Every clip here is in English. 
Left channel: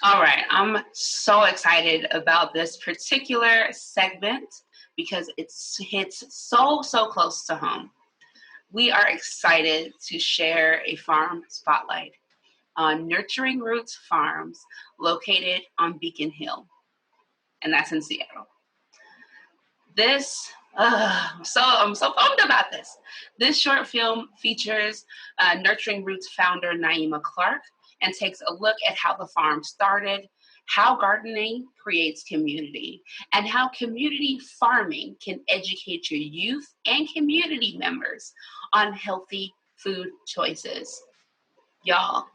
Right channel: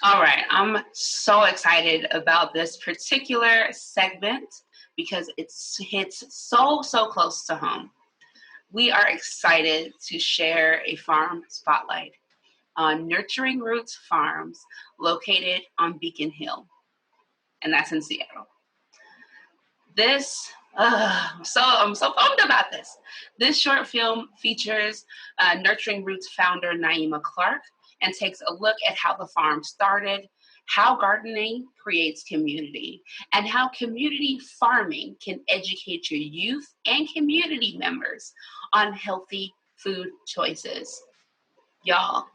All right, I'm so excited about this particular segment because it hits so close to home. We are excited to share a farm spotlight on Nurturing Roots Farms located on Beacon Hill, and that's in Seattle. I'm so pumped about this. This short film features Nurturing Roots founder NYEMA Clark and takes a look at how the farm started, how gardening creates community, and how community farming can educate your youth and community members on healthy food choices. Y'all,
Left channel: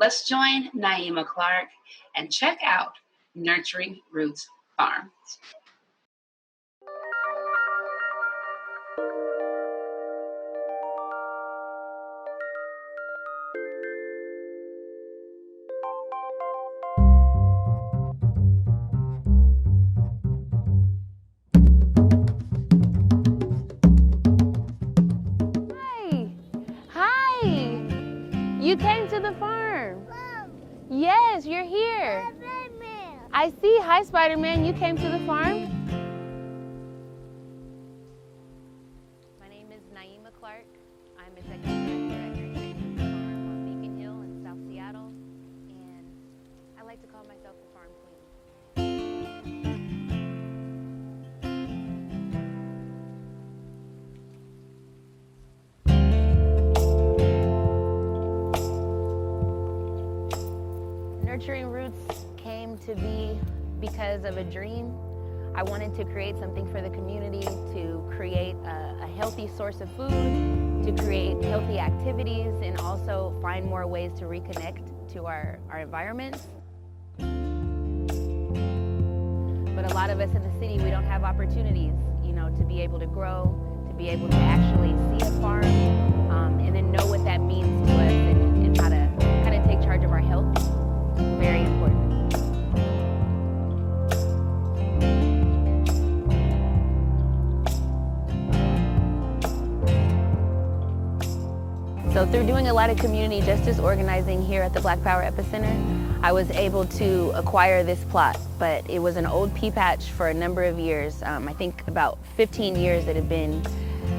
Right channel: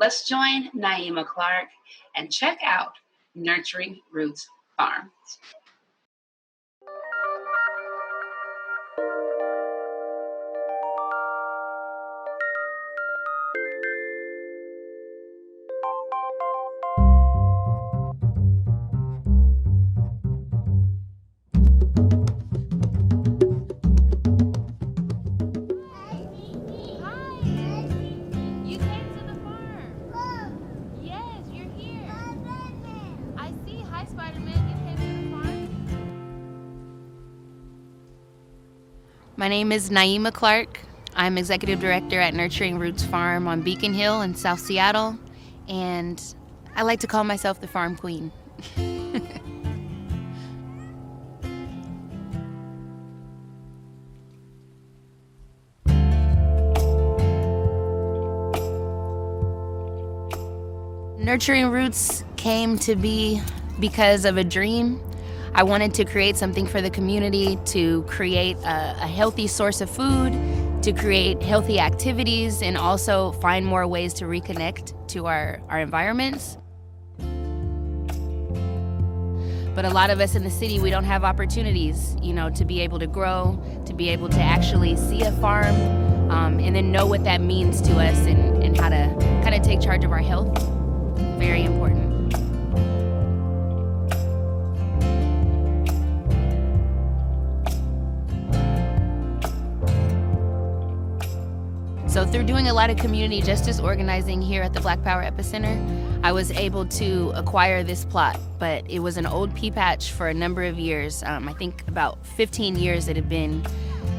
let's join NYEMA Clark and check out Nurturing Roots Farms. Hi. You came to the farm. Yes, you're here. I see. Hi, Spider-Man. You came to the farm? My name is NYEMA Clark. I'm Executive Director at Nurturing Roots Farm on Beacon Hill in South Seattle, and I like to call myself the Farm Queen. Nurturing Roots came to be because of a dream. I wanted to create something for the community, to create a healthy source of food, to create healthy activities, and also find more ways to reconnect to our environments. But a lot of us in the city, we don't have opportunities, to be able to grow, to be able to actually see a farm, and then know what that means to us and how to kind of take charge of our health. Very important. So through doing a lot of community justice organizing here at the Black Power Epicenter, I was able to acquire this plot, but it was an old pea patch for a number of years. I think about 15 years it had been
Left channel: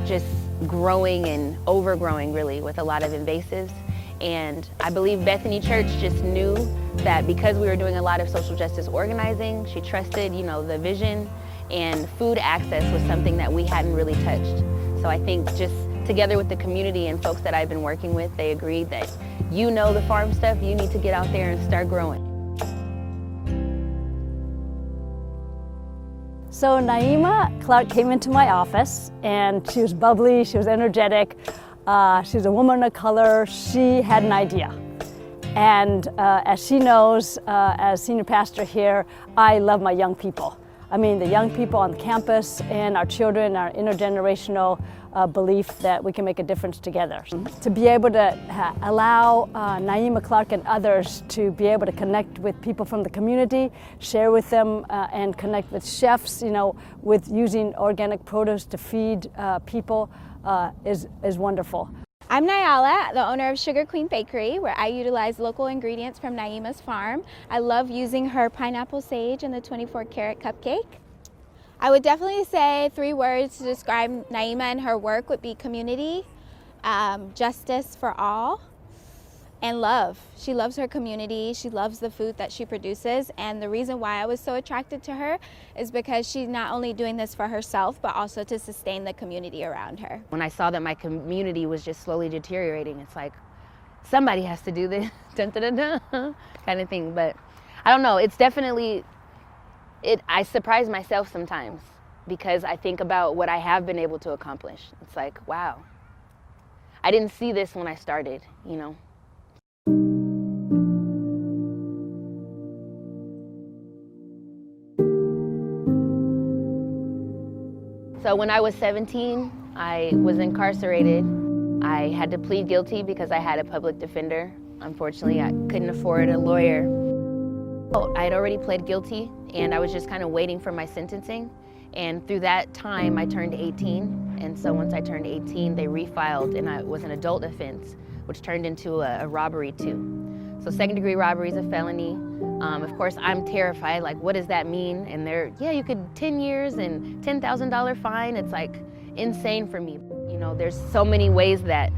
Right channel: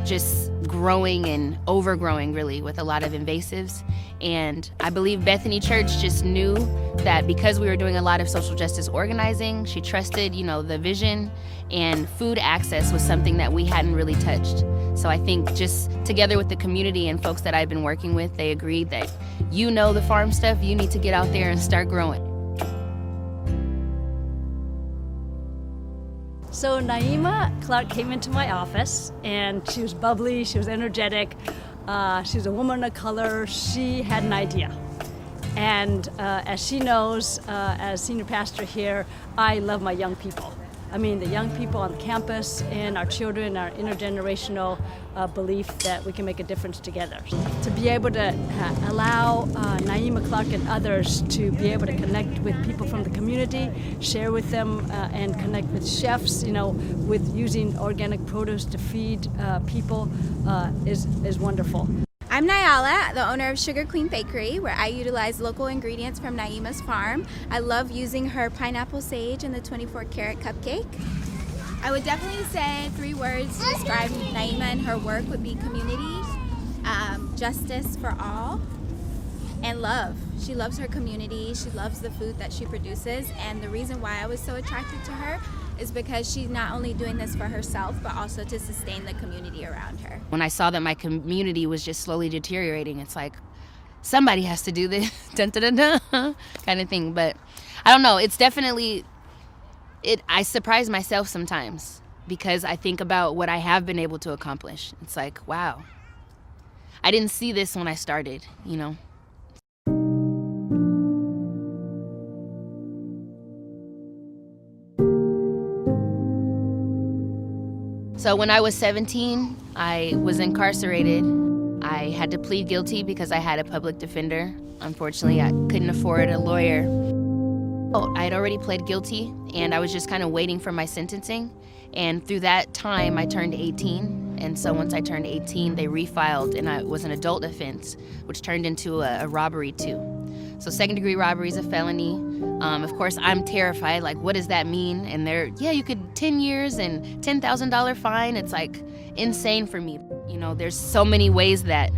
just growing and overgrowing really with a lot of invasives. And I believe Bethany Church just knew that because we were doing a lot of social justice organizing, she trusted, the vision, and food access was something that we hadn't really touched. So I think just together with the community and folks that I've been working with, they agreed that the farm stuff, you need to get out there and start growing. So NYEMA Clark came into my office and she was bubbly, she was energetic, she was a woman of color, she had an idea. And as she knows, as senior pastor here, I love my young people. I mean, the young people on campus and our children, our intergenerational belief that we can make a difference together. To be able to allow NYEMA Clark and others to be able to connect with people from the community, share with them and connect with chefs, with using organic produce to feed people is wonderful. I'm Nyala, the owner of Sugar Queen Bakery, where I utilize local ingredients from NYEMA's farm. I love using her pineapple sage and the 24-karat cupcake. I would definitely say 3 words to describe NYEMA and her work would be community, justice for all, and love. She loves her community, she loves the food that she produces, and the reason why I was so attracted to her is because she's not only doing this for herself, but also to sustain the community around her. When I saw that my community was just slowly deteriorating, it's like, somebody has to do this, dun, dun, dun, dun, kind of thing. But I don't know, it's definitely, I surprise myself sometimes because I think about what I have been able to accomplish. It's like, wow, I didn't see this when I started, So when I was 17, I was incarcerated. I had to plead guilty because I had a public defender. Unfortunately, I couldn't afford a lawyer. I had already pled guilty, and I was just kind of waiting for my sentencing. And through that time, I turned 18. And so once I turned 18, they refiled, and it was an adult offense, which turned into a robbery too. So second-degree robbery is a felony. Of course, I'm terrified, like, what does that mean? And they're, yeah, you could 10 years and $10,000 fine. It's like insane for me. You know, there's so many ways that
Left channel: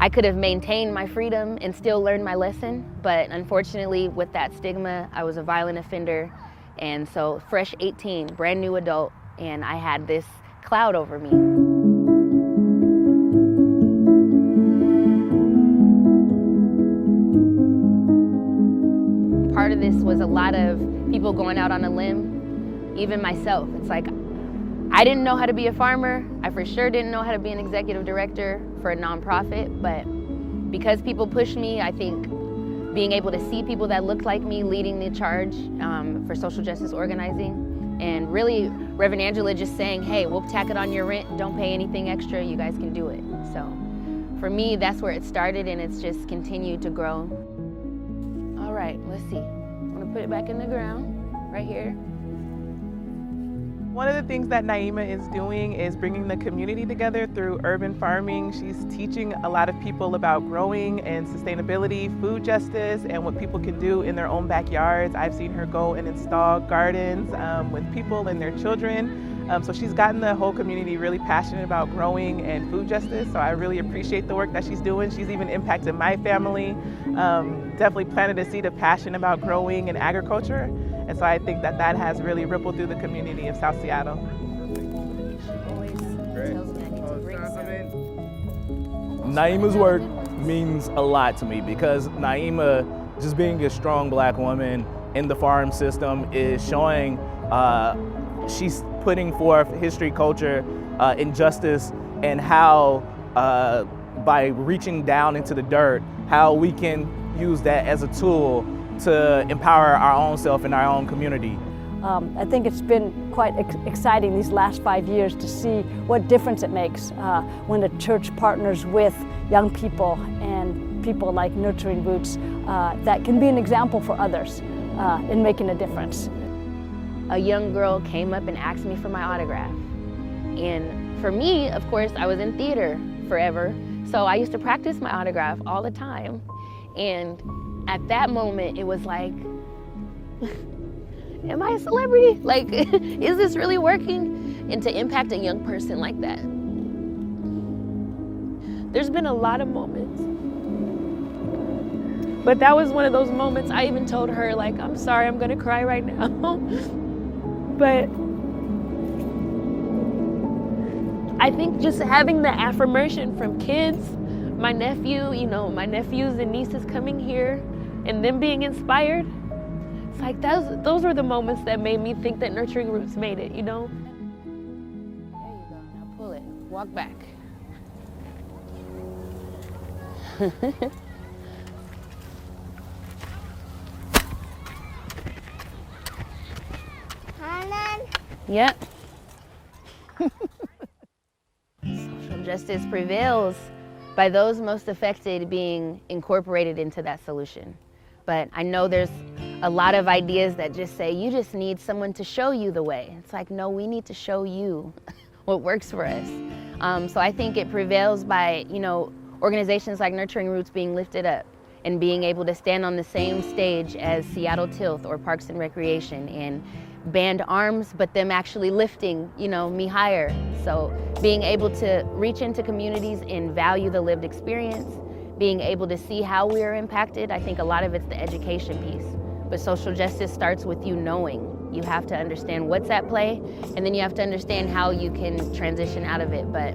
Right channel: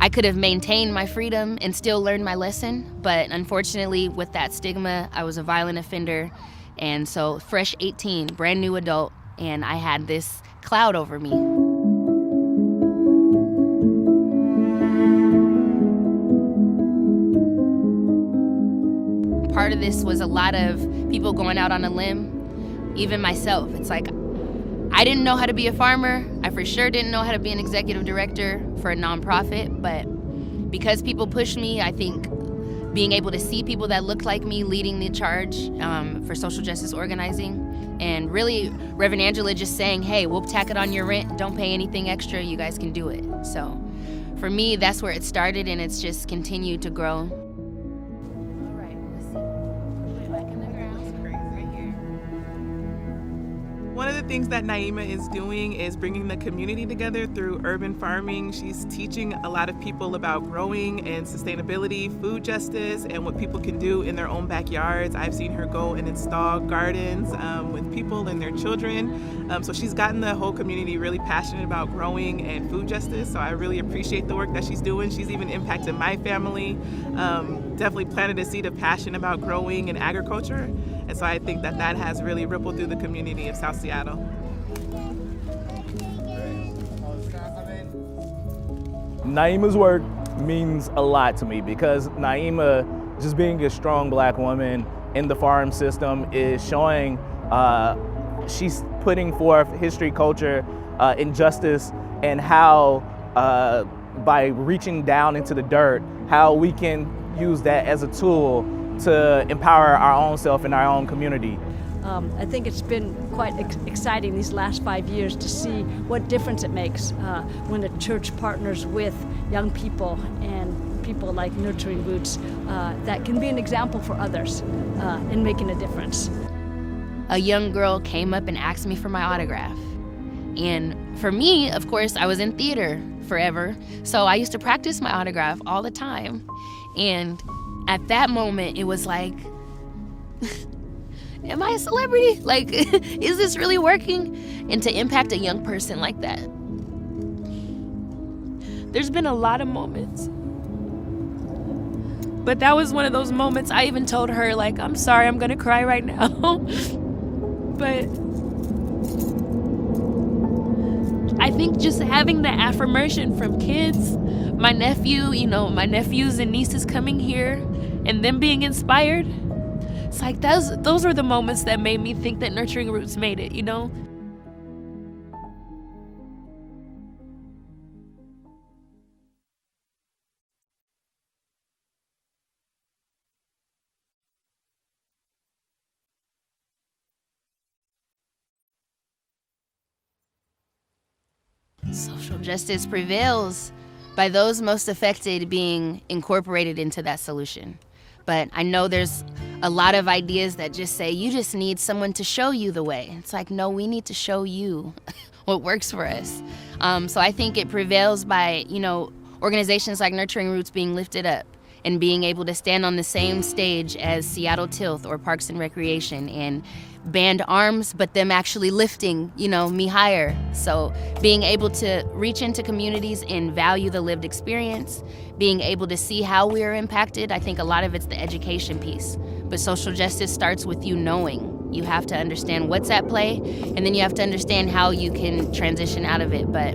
I could have maintained my freedom and still learned my lesson. But unfortunately, with that stigma, I was a violent offender. And so fresh 18, brand new adult, and I had this cloud over me. Part of this was a lot of people going out on a limb, even myself. It's like, I didn't know how to be a farmer. I for sure didn't know how to be an executive director for a nonprofit, but because people pushed me, I think being able to see people that looked like me leading the charge for social justice organizing, and really Reverend Angela just saying, hey, we'll tack it on your rent, don't pay anything extra, you guys can do it. So for me, that's where it started, and it's just continued to grow. All right, let's see. I'm gonna put it back in the ground, right here. One of the things that NYEMA is doing is bringing the community together through urban farming. She's teaching a lot of people about growing and sustainability, food justice, and what people can do in their own backyards. I've seen her go and install gardens with people and their children. So she's gotten the whole community really passionate about growing and food justice. So I really appreciate the work that she's doing. She's even impacted my family. Definitely planted a seed of passion about growing and agriculture. And so I think that has really rippled through the community of South Seattle. NYEMA's work means a lot to me because NYEMA, just being a strong Black woman in the farm system, is showing she's putting forth history, culture, injustice, and how by reaching down into the dirt, how we can use that as a tool to empower our own self and our own community. I think it's been quite exciting these last 5 years to see what difference it makes when the church partners with young people and people like Nurturing Roots that can be an example for others in making a difference. A young girl came up and asked me for my autograph. And for me, of course, I was in theater forever, so I used to practice my autograph all the time. And at that moment, it was like, am I a celebrity? Like, is this really working? And to impact a young person like that. There's been a lot of moments. But that was one of those moments I even told her, like, I'm sorry, I'm gonna cry right now. But I think just having the affirmation from kids, my nephew, my nephews and nieces coming here, and them being inspired, it's like those are the moments that made me think that Nurturing Roots made it, There you go. Now pull it. Walk back. Yep. Social justice prevails by those most affected being incorporated into that solution. But I know there's a lot of ideas that just say, you just need someone to show you the way. It's like, no, we need to show you what works for us. So I think it prevails by, organizations like Nurturing Roots being lifted up and being able to stand on the same stage as Seattle Tilth or Parks and Recreation and band arms, but them actually lifting, me higher. So being able to reach into communities and value the lived experience, being able to see how we are impacted. I think a lot of it's the education piece, but social justice starts with you knowing. You have to understand what's at play, and then you have to understand how you can transition out of it. But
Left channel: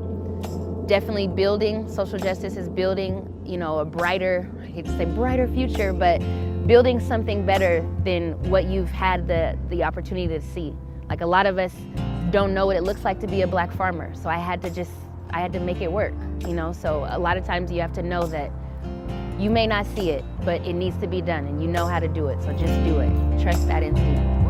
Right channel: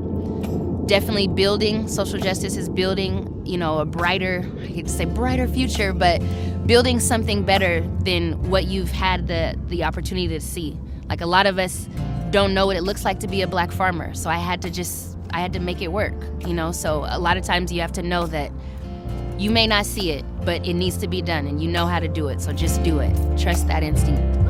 definitely building, social justice is building, a brighter, I hate to say brighter future, but building something better than what you've had the opportunity to see. Like, a lot of us don't know what it looks like to be a Black farmer, so I had to make it work, So a lot of times you have to know that you may not see it, but it needs to be done, and you know how to do it, so just do it. Trust that instinct.